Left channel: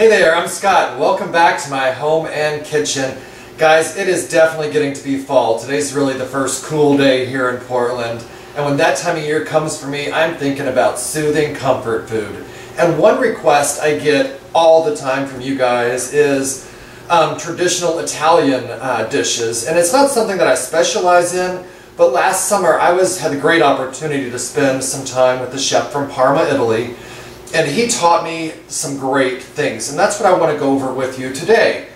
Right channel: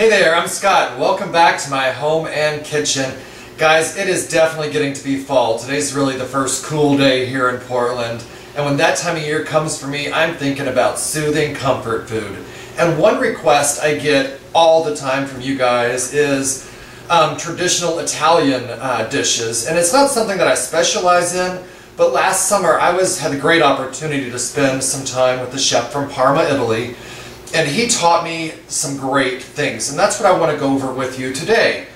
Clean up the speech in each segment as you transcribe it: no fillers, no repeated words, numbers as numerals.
Hey there, I'm Scott. Welcome back to my home and kitchen. Guys, it is definitely getting to be fall. Today's really the first cool day here in Portland. And when that time of year comes for me, I'm thinking about soothing comfort food. And one request I get all the time from you guys is traditional Italian dishes. And it's not something that I specialize in, but last summer I had the great opportunity to spend some time with the chef from Parma, Italy. And he taught me some great things, and that's what I want to go over with you today.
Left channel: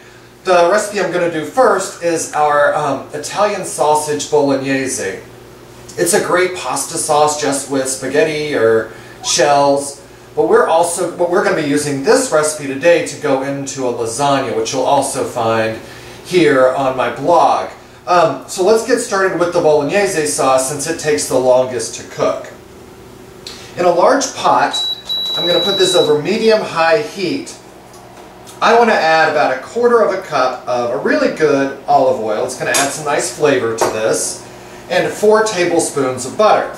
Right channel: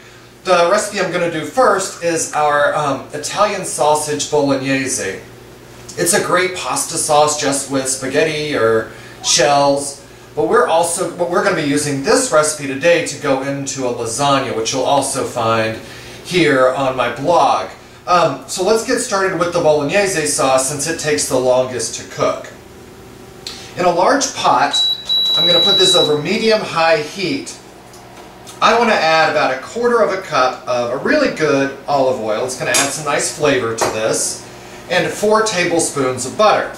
The recipe I'm going to do first is our Italian sausage bolognese. It's a great pasta sauce just with spaghetti or shells, but we're going to be using this recipe today to go into a lasagna, which you'll also find here on my blog. So let's get started with the bolognese sauce since it takes the longest to cook. In a large pot, I'm going to put this over medium-high heat. I want to add about 1/4 cup of a really good olive oil. It's going to add some nice flavor to this. And 4 tablespoons of butter.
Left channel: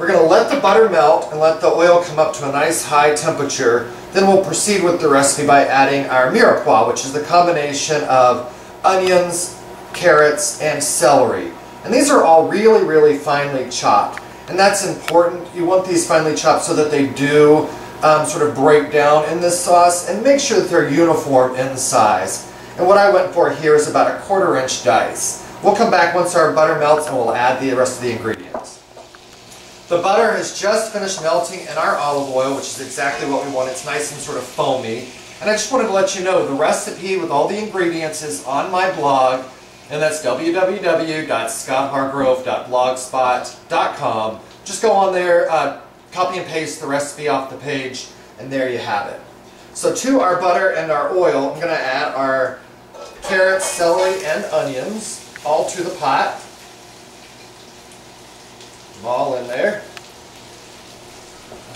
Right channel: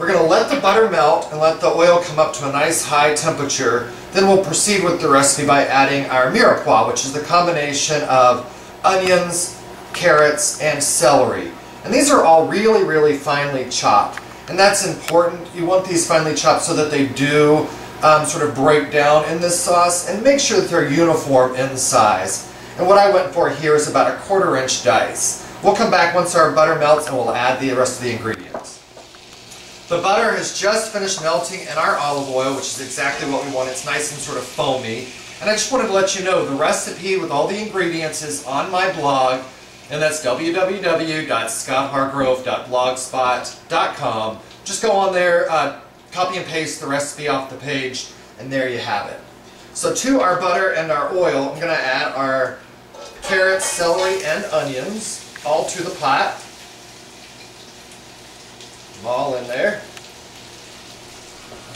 We're going to let the butter melt and let the oil come up to a nice high temperature. Then we'll proceed with the recipe by adding our mirepoix, which is the combination of onions, carrots, and celery. And these are all really, really finely chopped. And that's important. You want these finely chopped so that they do sort of break down in this sauce, and make sure that they're uniform in size. And what I went for here is about 1/4 inch dice. We'll come back once our butter melts and we'll add the rest of the ingredients. The butter has just finished melting in our olive oil, which is exactly what we want. It's nice and sort of foamy. And I just wanted to let you know the recipe with all the ingredients is on my blog. And that's www.scotthargrove.blogspot.com. Just go on there, copy and paste the recipe off the page, and there you have it. So to our butter and our oil, I'm going to add our carrots, celery, and onions all to the pot. Put them all in there.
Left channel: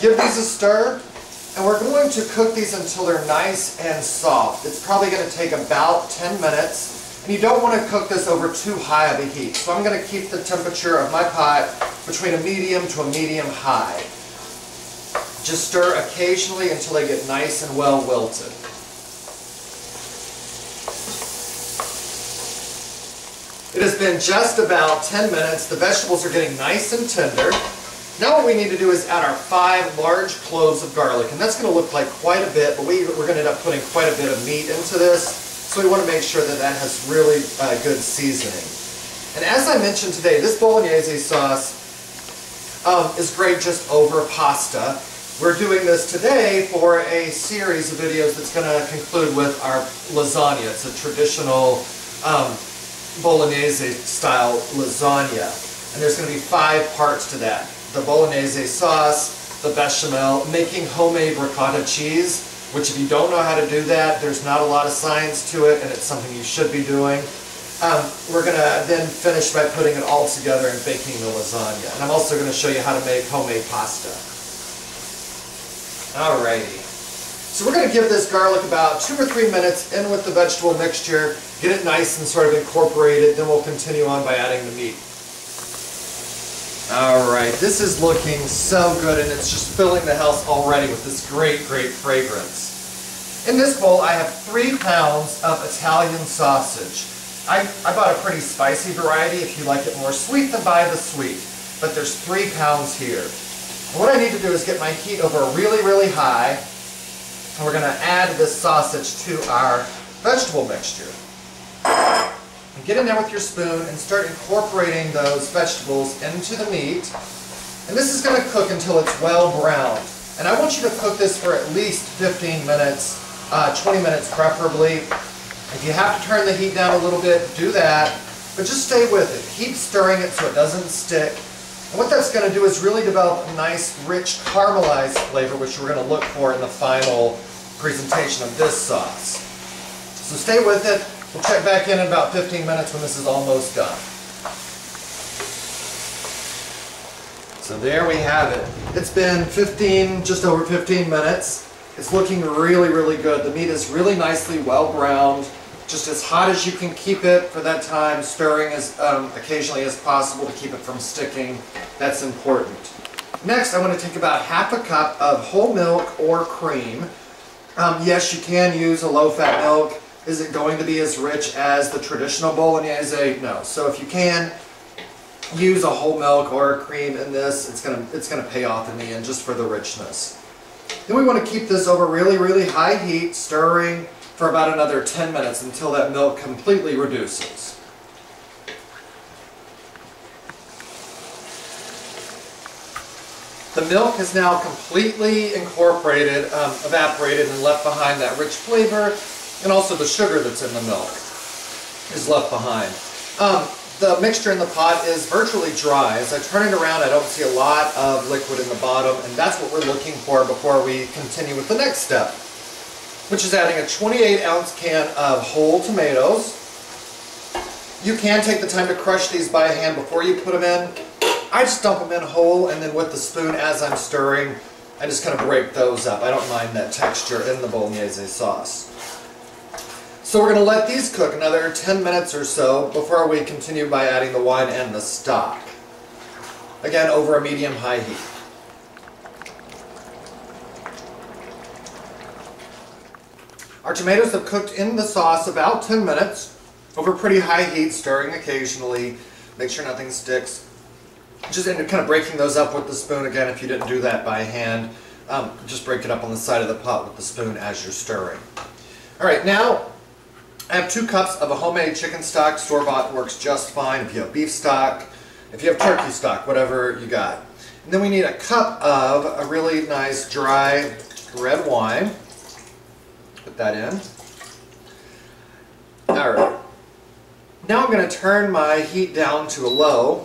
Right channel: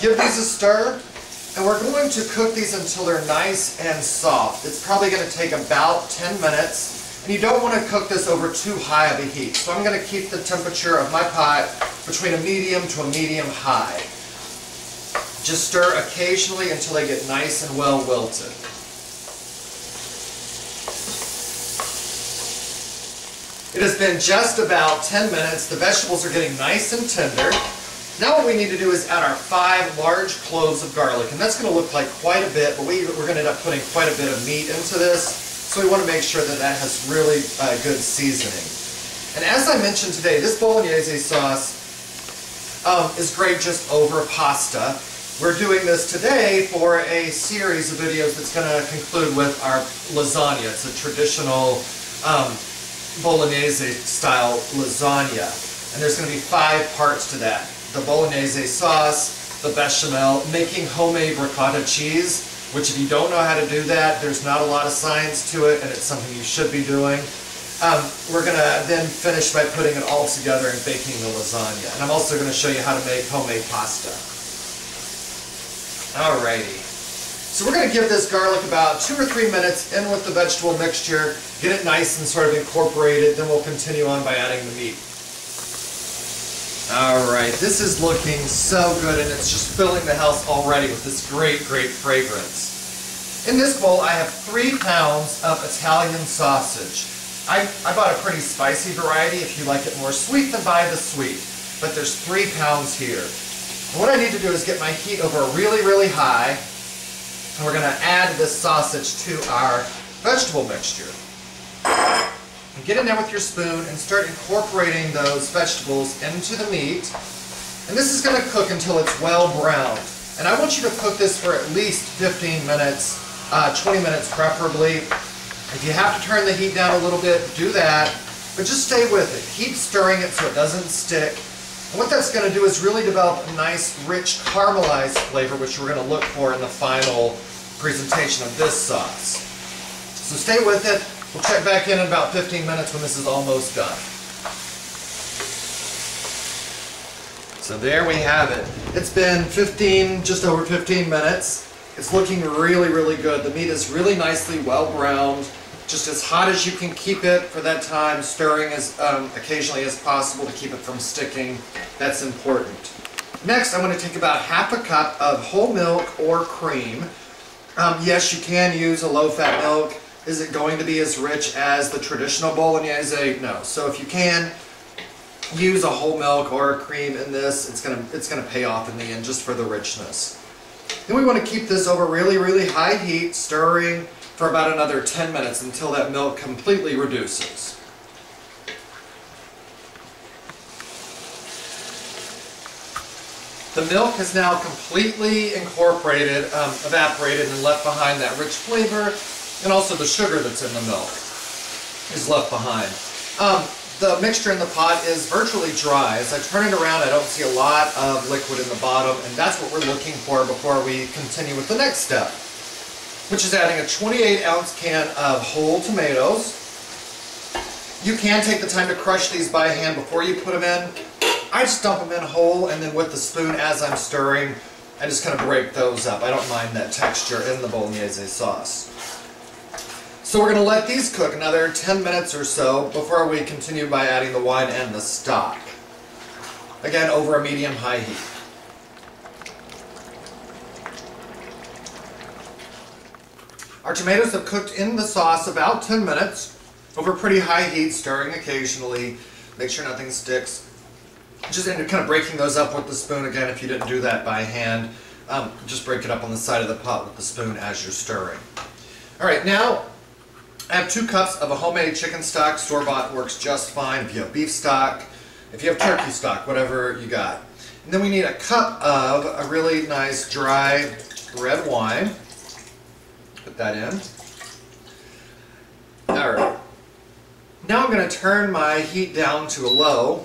Give these a stir, and we're going to cook these until they're nice and soft. It's probably going to take about 10 minutes. And you don't want to cook this over too high of a heat. So I'm going to keep the temperature of my pot between a medium to a medium high. Just stir occasionally until they get nice and well wilted. It has been just about 10 minutes. The vegetables are getting nice and tender. Now what we need to do is add our 5 large cloves of garlic. And that's going to look like quite a bit, but we're going to end up putting quite a bit of meat into this. So we want to make sure that that has really good seasoning. And as I mentioned today, this bolognese sauce is great just over pasta. We're doing this today for a series of videos that's going to conclude with our lasagna. It's a traditional bolognese style lasagna. And there's going to be 5 parts to that. The bolognese sauce, the bechamel, making homemade ricotta cheese, which if you don't know how to do that, there's not a lot of science to it, and it's something you should be doing. We're going to then finish by putting it all together and baking the lasagna. And I'm also going to show you how to make homemade pasta. Alrighty. So we're going to give this garlic about 2 or 3 minutes in with the vegetable mixture, get it nice and sort of incorporated, then we'll continue on by adding the meat. Alright, this is looking so good, and it's just filling the house already with this great, great fragrance. In this bowl I have 3 pounds of Italian sausage. I bought a pretty spicy variety. If you like it more sweet, then buy the sweet. But there's 3 pounds here. And what I need to do is get my heat over really, really high, and we're going to add this sausage to our vegetable mixture. And get in there with your spoon and start incorporating those vegetables into the meat. And this is going to cook until it's well browned. And I want you to cook this for at least 15 minutes, 20 minutes preferably. If you have to turn the heat down a little bit, do that. But just stay with it. Keep stirring it so it doesn't stick. And what that's going to do is really develop a nice, rich, caramelized flavor, which we're going to look for in the final presentation of this sauce. So stay with it. We'll check back in about 15 minutes when this is almost done. So there we have it. It's been just over 15 minutes. It's looking really, really good. The meat is really nicely well browned, just as hot as you can keep it for that time, stirring as occasionally as possible to keep it from sticking. That's important. Next, I want to take about 1/2 cup of whole milk or cream, Yes, you can use a low-fat milk. Is it going to be as rich as the traditional Bolognese? No. So if you can use a whole milk or a cream in this, it's gonna pay off in the end just for the richness. Then we want to keep this over really, really high heat, stirring for about another 10 minutes until that milk completely reduces. The milk is now completely incorporated, evaporated, and left behind that rich flavor, and also the sugar that's in the milk is left behind. The mixture in the pot is virtually dry. As I turn it around, I don't see a lot of liquid in the bottom, and that's what we're looking for before we continue with the next step, which is adding a 28-ounce can of whole tomatoes. You can take the time to crush these by hand before you put them in. I just dump them in whole, and then with the spoon as I'm stirring, I just kind of break those up. I don't mind that texture in the Bolognese sauce. So we're going to let these cook another 10 minutes or so before we continue by adding the wine and the stock. Again, over a medium-high heat. Our tomatoes have cooked in the sauce about 10 minutes over pretty high heat, stirring occasionally. Make sure nothing sticks. Just end up kind of breaking those up with the spoon again if you didn't do that by hand. Just break it up on the side of the pot with the spoon as you're stirring. Alright, now I have 2 cups of a homemade chicken stock. Store-bought works just fine if you have beef stock, if you have turkey stock, whatever you got. And then we need a cup of a really nice dry red wine. Put that in. Alright. Now I'm going to turn my heat down to a low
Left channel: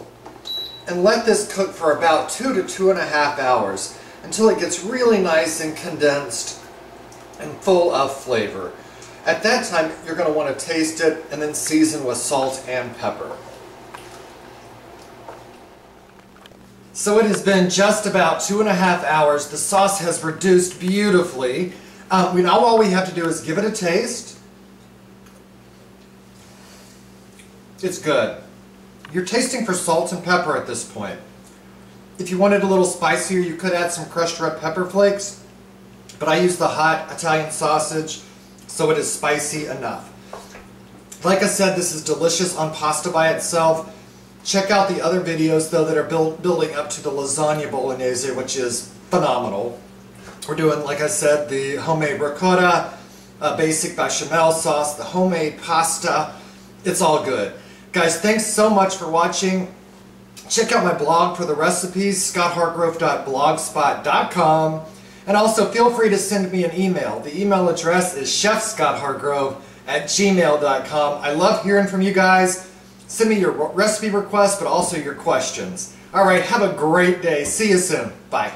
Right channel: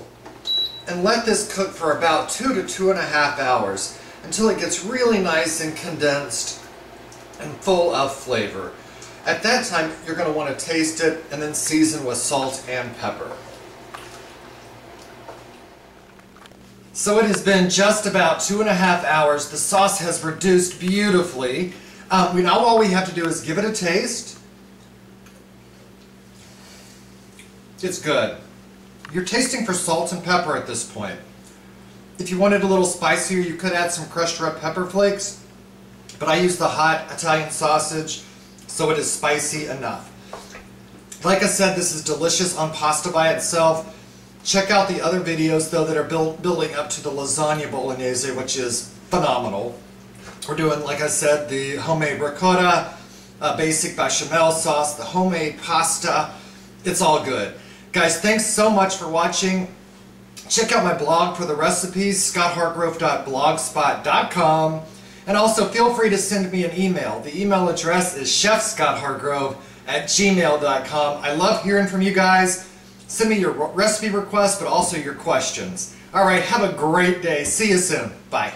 and let this cook for about 2 to 2.5 hours until it gets really nice and condensed and full of flavor. At that time, you're going to want to taste it and then season with salt and pepper. So it has been just about 2.5 hours. The sauce has reduced beautifully. Now all we have to do is give it a taste. It's good. You're tasting for salt and pepper at this point. If you wanted a little spicier, you could add some crushed red pepper flakes, but I use the hot Italian sausage, so it is spicy enough. Like I said, this is delicious on pasta by itself. Check out the other videos, though, that are building up to the lasagna bolognese, which is phenomenal. We're doing, like I said, the homemade ricotta, basic bechamel sauce, the homemade pasta. It's all good. Guys, thanks so much for watching. Check out my blog for the recipes, scotthargrove.blogspot.com. And also feel free to send me an email. The email address is chefscotthargrove@gmail.com. I love hearing from you guys. Send me your recipe requests, but also your questions. Alright, have a great day. See you soon. Bye.